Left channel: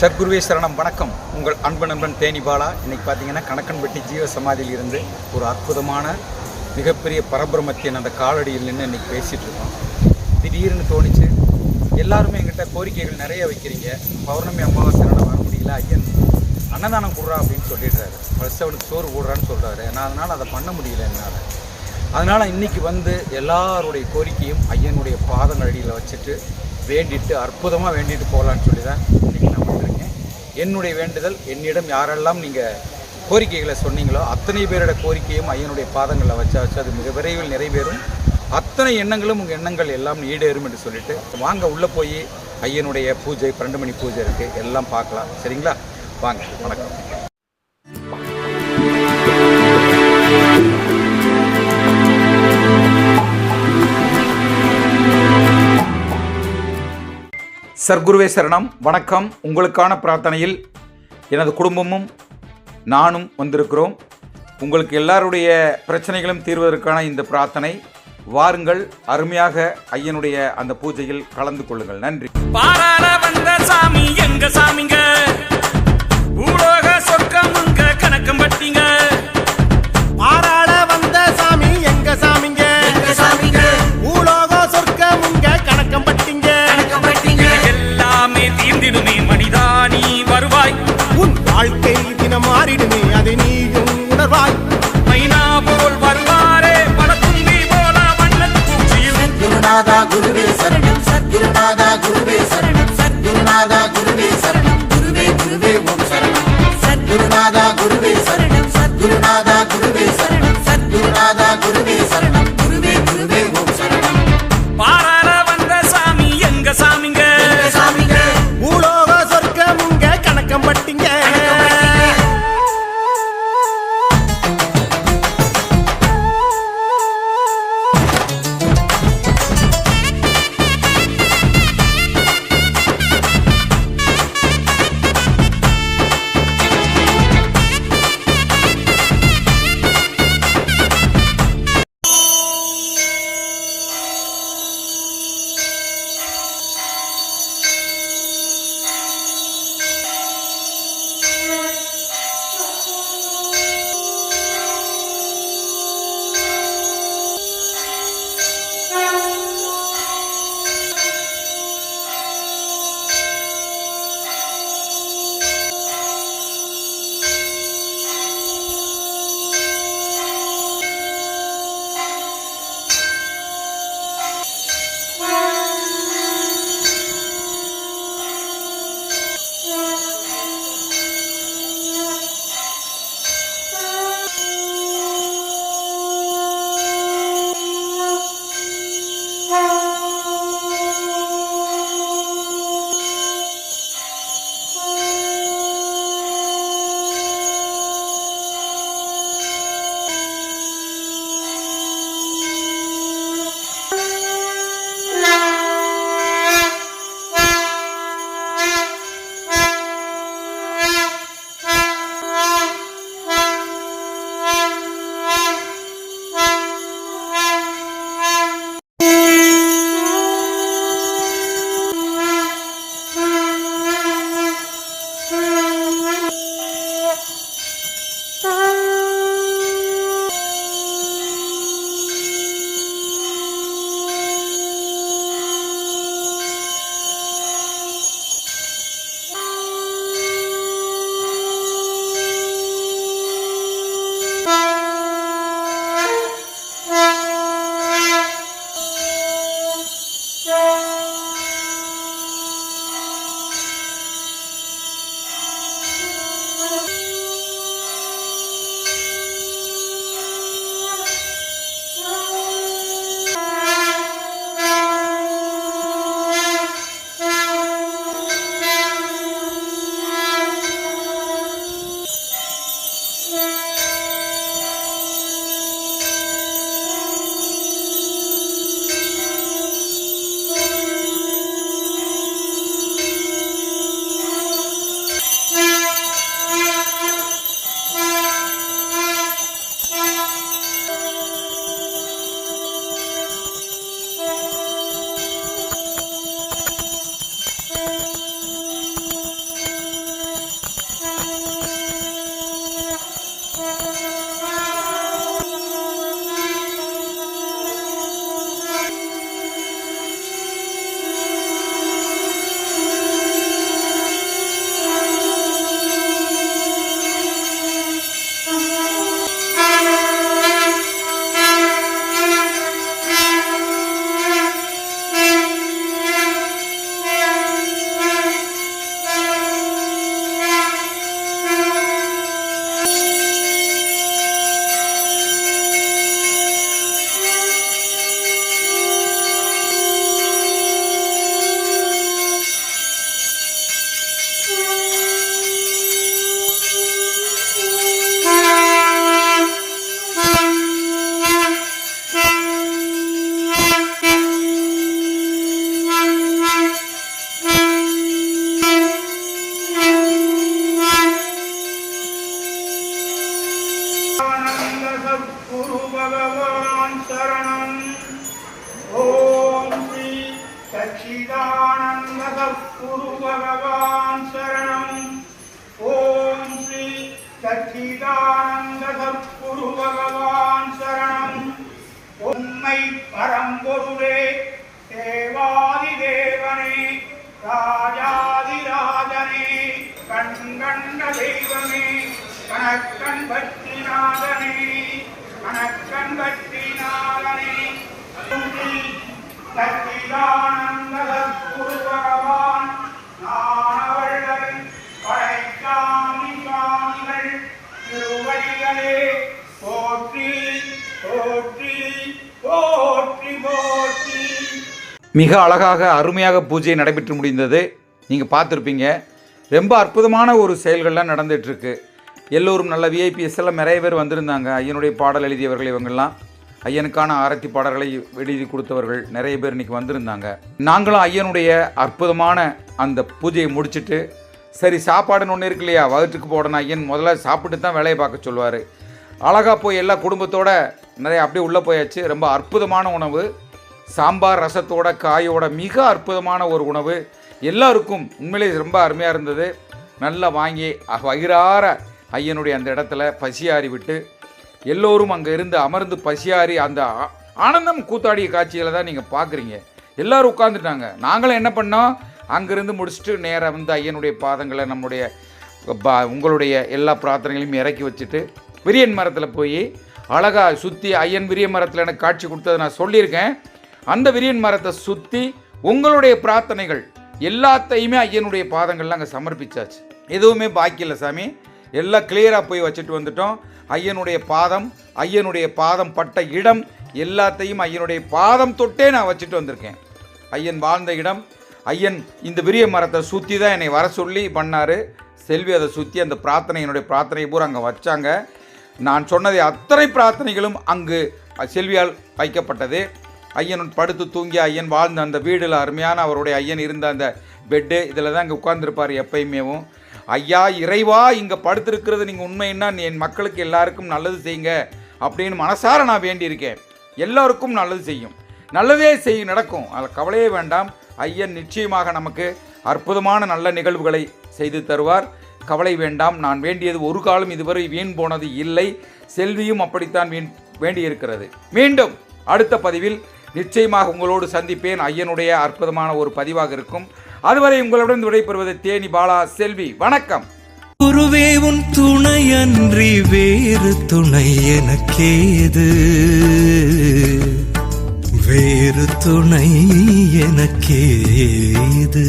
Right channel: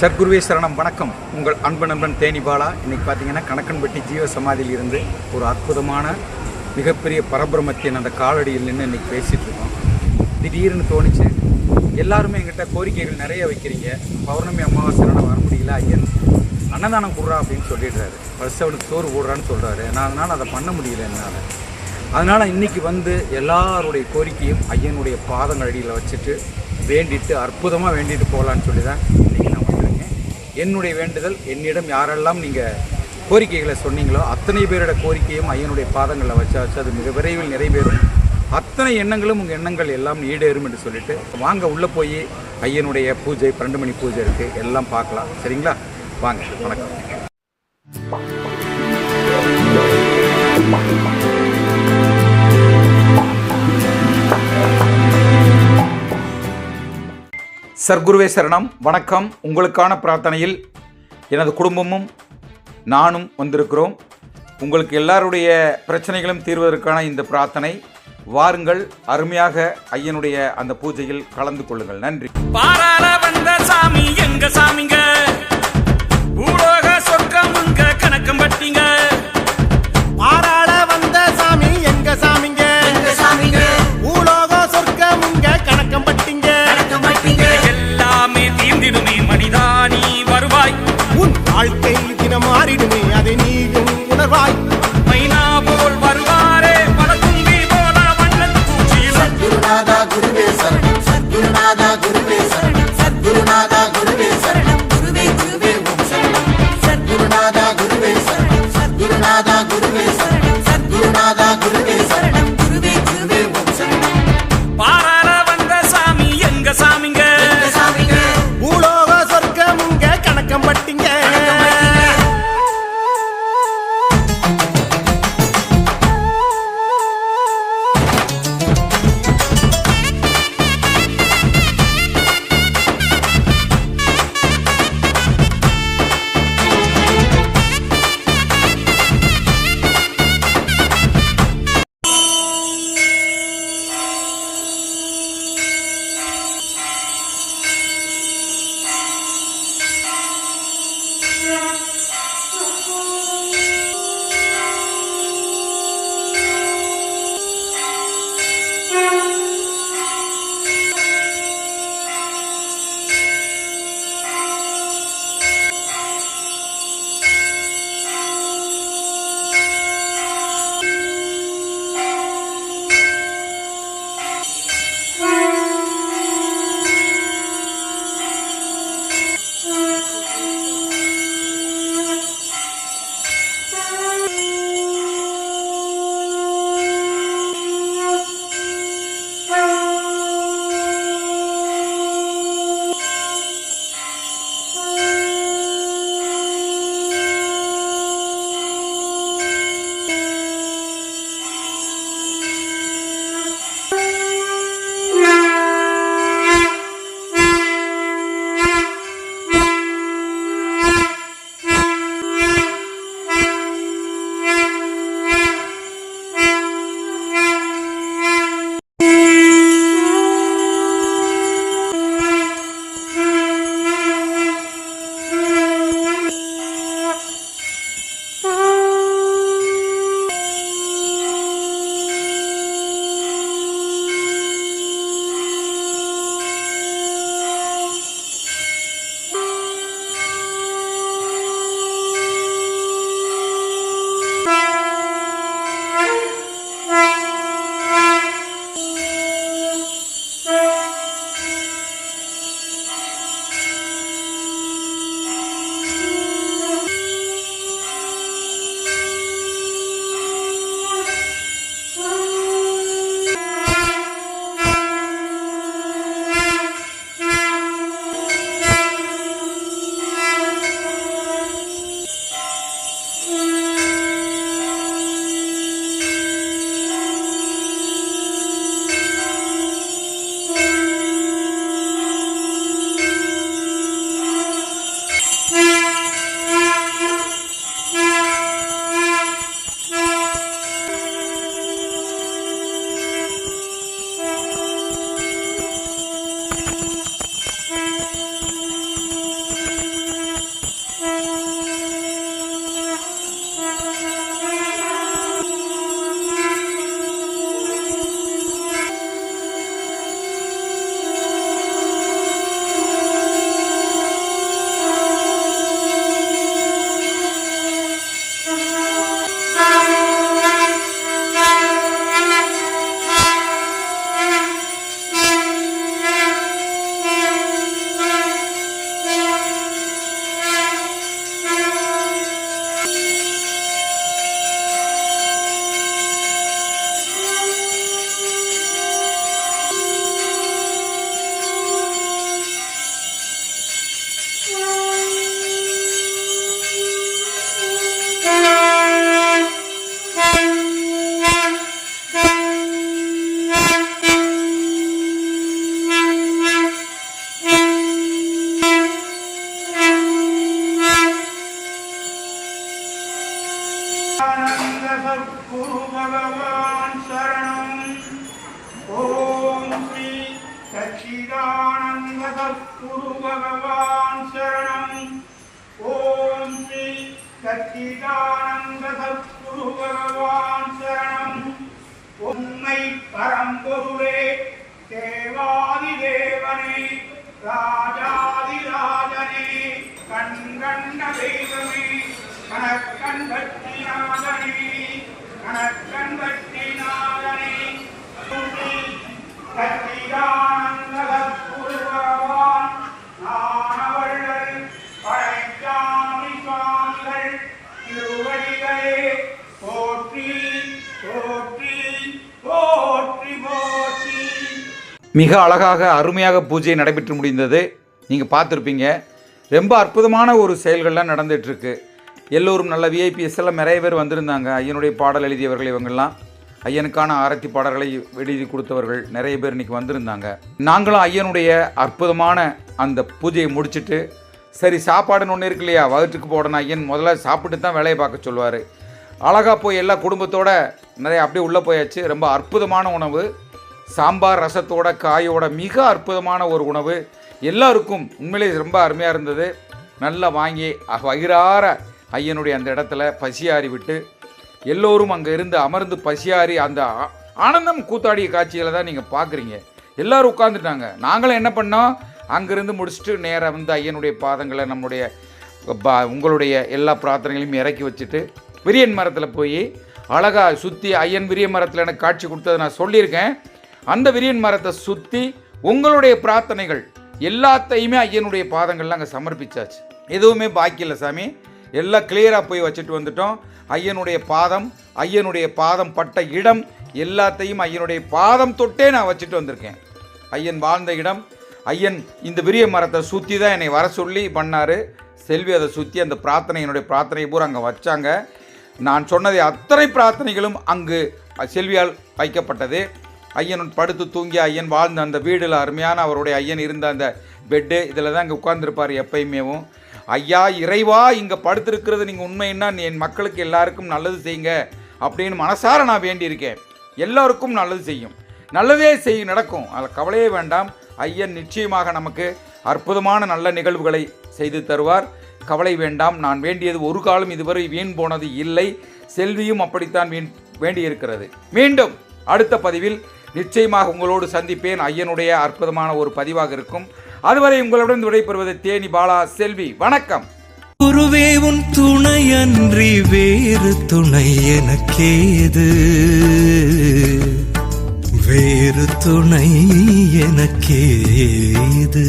சர்க்குருவே சரணம். வணக்கம். உங்கள் அன்பு நண்பன் தேனி பாலா. இன்றைக்கி பார்த்தீங்கன்னா கணக்கன்பட்டி ஜீவ சமாதியில் இருந்து ஒரு அற்புதமான மிகப்பெரிய பரபிரமத்தின் அந்த காலடியில் நின்று இன்றைக்கி பேசிகிட்டு இருக்கோம். திடீர்னு தோணிச்சு, எல்லாருமே எங்கிட்ட கோரிக்கைகள் நிறைய வைக்கிறீங்க. பௌர்ணமி அமாவாசை வர முடியல, ஐயன் அன்னதானம் கொடுறா அப்படின்னு சொல்லிடுறாரு, பரிசவனுக்கு சோறு போடுறான்னு சொல்கிறாரு. நான் அதனால் அதை பண்ண முடியல என்னால். அதனால் இன்றைக்கி வந்து எல்லாருடைய கோரிக்கையும் ஐயனுடைய பாதங்கள் அடியில் வச்சுட்டு வேண்டிட்டு அற்புதமாக வேண்டிட்டு போகலான்னு சொல்லி தான் இன்றைக்கி நான் வந்திருக்கேன். என்னுடைய வேண்டுதல், என்னிடம் யாரெல்லாம் நீங்கள் கோரிக்கைகளை சொன்னீங்களோ அத்தனை பேரோட கோரிக்கையும் ஐயனுடைய பாதங்களில் வச்சு அது மிக விரைவில் நிறைவேறும். அத்தனை எண்ணங்களும் உங்கள் எண்ணங்கள் எல்லாம் ஈடேறும் என்று சொல்லிட்டு வாங்க உள்ளே போய் ஐயனுடைய பூஜை 12 மணி பூஜை இருக்குது, எல்லாம் பார்க்கலாம். சரிங்களா? வாங்க. வணக்கம். சர்க்குருவே சரணம். வணக்கம். உங்களுக்கான பிரார்த்தனையில் எனது குடும்பமும் நானும் வந்திருக்கிறோம். உங்களுக்கு எல்லாருடைய பிரச்சனைகளும் தீர்வதற்கான இந்த பிரார்த்தனை. வாருங்கள், அருமையாக ஐயனுடைய அந்த பூஜையில் கலந்து கொள்ளுங்கள். நன்றி. பாராள வந்த சாமி எங்க சாமிங்க, பூலோக சொர்க்கமுங்க கணக்கம் பட்டிங்க. பாராள வந்த சாமி எங்க சாமிங்க, பூலோக சொர்க்கமுங்க கணக்கம் பட்டிங்க. எல்லாமே தீர்ந்திடுமே மனிதானி வருவாய், உன் வாழ்க்கை தினம் மாறிடுமே அதை நீயும் உணர்வாய். மைனா போல் வருவாரே பல தும்பி போல வண்ணன் பூச்சியில். சத்குருநாதா குருவே சரணம், சத்குருநாதா குருவே சரணம், சத்குருநாதா குருவே சரணம், குருவே குருவே ஓம் சரணம். சத்குருநாதா குருவே சரணம், சத்குருநாதா குருவே சரணம், சத்குருநாதா குருவே சரணம், குருவே குருவே ஓம் சரணம். பாராள வந்த சாமி எங்க சாமிங்க, பூலோக சொர்க்கமுங்க கணக்கம் பட்டிங்க. சத்குரு பகவான் சரணம். ஓம் ஸ்ரீ சச்சிதானந்த சத்குரு பகவான் சரணம். ஓம் ஸ்ரீ சச்சிதானந்த சத்குரு பகவான் சரணம். உண்மை பரம்பொருளே, தேவாதி தேவனே, ராஜாதிராஜனே, கண்கண்ட தெய்வமே, கணக்கன் பற்றிநாதனே, கணக்கன் பற்றிநாதனே, சச்சிதானந்த சத்குரு பகவான் ஞானவள்ளல் படைச்சாமி சுவாமிகள் திருவடிகளே போற்றி போற்றி போற்றி போற்றி. மிக அழகாக அருமையாக பூஜை நடைபெற்று முடிந்தது. நீங்கள் பார்த்துருப்பீங்க. ரொம்ப அற்புதமான ஒரு செயல்கள்லாம் நடந்துகிட்ருக்கு. எல்லோரும் நல்ல விஐபிஎஸ் எல்லாம் நிறைய பேர் வந்திருந்தாங்க. ஐயனுடைய பாடல் எழுதியவர்கள் இவங்கெல்லாம், ஐயனுக்கான ஆரத்தி பாடல்களை எழுதி கொடுத்தவர்கள் நிறைய பேர் இன்றைக்கி வந்திருந்தாங்க. நாங்களும் ஐயனுடைய அற்புதமான அந்த பூஜையை முடிச்சுட்டு, சரி சாப்பாடுன்னு ஒன்று இருக்கு இல்லையா, வகுற்றுக்கு போடணும். ஐயன் முதல்ல சாப்பிட்டு தான் வேலையை பார்க்க சொல்லுவார். அழகாக போய் எல்லா குடும்பத்தோடு நிறைய அப்படியே உள்ளே போயாச்சு. ரொம்ப அற்புதமான உணவு, சாம்பார் ரசத்தோட காயோட மிக அற்புதமான ஒரு உணவு. எல்லாருக்கும் உண்மையிலே ரொம்ப அருமையாக இருந்தது. நல்லா வாங்கி வயிறார ஐயனுடைய அந்த இடத்துல பசியாறி விட்டு எல்லோரும் அங்கே இருந்து அமர்ந்து பசியாறி அந்த ஆனந்தம் கூத்தாடிய காட்சிகளை தான் நீங்கள் பார்க்குறீங்க. எல்லோரும் உட்காந்துட்டாங்க. நாங்களும் என்ன பண்ணோம், அங்கேருந்து முடிச்சுட்டு நேராக வந்து ஐயனுடைய பாதங்களை நம்முடைய உங்களுடைய எல்லா பிரார்த்தனைகளையும் இறக்கி வச்சுட்டு விரியன் மரத்தில் போய் அழகாக சுற்றி, ஐயன் விரிய மரத்தில் எனக்கு காட்சி கொடுத்ததை நான் சொல்லியிருக்கேன். அந்த விரியன் மரத்தை சுற்றி உங்களுடைய பிரார்த்தனைகள் எல்லாத்தையுமே ஐயனுடைய பாதங்கள்லாம் அங்கே சமர்ப்பிச்சாச்சு. எதுவுமே பாக்கி இல்லை சாமி, எல்லாம் கிளியராக போய் வச்சுட்டு வந்துட்டோம். ஐயனுடைய பாதம் பட்ட இடம் எல்லாத்தையும் ஐயனுடைய பாதம் தொட்டே நான் வச்சுட்டு வந்திருக்கேன். ஐயன் வாழ்ந்த இடம், ஐயன் இந்த விரிய மரத்தை சுற்றி தான் என்னை வர சொல்லி பண்ணார். செல்வி அதை சுற்றி அந்த என்னுடைய பிரார்த்தனை பூரா அங்கே வச்சாங்க. நான் சொன்னதை அத்தனை பிரார்த்தனைகளும் அங்கு செல்வியால் வைக்கப்பட்டது. ஐயன் படுத்து தூங்கி ஐயன் வாழ்ந்த அந்த வீடில் அருமையான அவருடைய ஐயன் இருந்த அந்த பெட்டு, இதில் தான் இங்கே உட்கார்ந்துருப்பார் எப்பயுமேவும். ஐயா இறைவா, இங்கே படுத்திருக்கிறது நீங்கள் உண்மைன்னா என் மக்களுக்கு எல்லாருக்கும் நல்லது செய்யுங்க அப்படின்னு மனசார நான் வேண்டியிருக்கேன். எல்லோருக்கும் நல்லது செய்யும், நல்லதே நடக்கும், அதில் கவலையே வேண்டாம். ஐயன் நிச்சயமாக நமக்கு அற்புதமான நல்ல நிகழ்வுகளை செய்து தருவார். கவலை வேண்டாம். நான் வேண்டியது ஒரு காலம் இதுவரை வீண் போனது இல்லை. செல்வியும் அப்படித்தான் வேண்டியிருக்கிறது. மீண்டும் அடுத்த பதிவில் நிச்சயமாக உங்களோடு சந்திப்பேன். ஐயனுடைய அற்புதமான ஒரு பதிவாக இருக்கும். அதுவரை உங்களுடன் விடைபெறுவது தேனி பாலா, செல்வி. வணக்கம். குருவே உன் துணையன்றி வேறு துணை எனக்கேது, வேறு துணை எனக்கேது.